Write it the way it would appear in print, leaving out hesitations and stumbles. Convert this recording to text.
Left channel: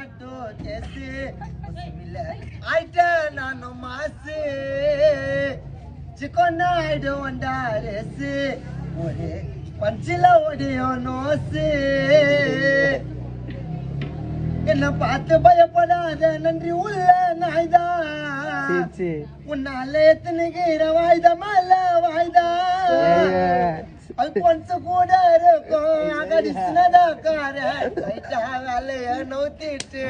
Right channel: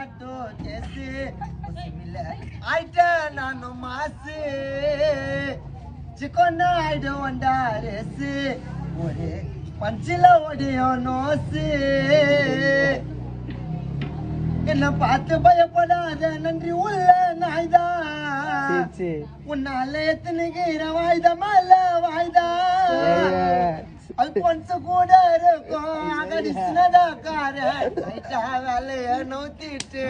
auto case ஆயிட்ட நானும் மாசு சிக்கொன்னா ஆயிடு வந்தா ரேசு ஒரு பஞ்சில ஓடியும் நோசு என்ன பார்த்து பயப்படாத நன்றி உள்ள நாய்தான் உன்னால எத்தனைகிற வாய்தா மேல வாய்தா அல்பொன்சு கூட இருக்கும் அகடிச்சுனதா கார வேலைய நோத்திட்டு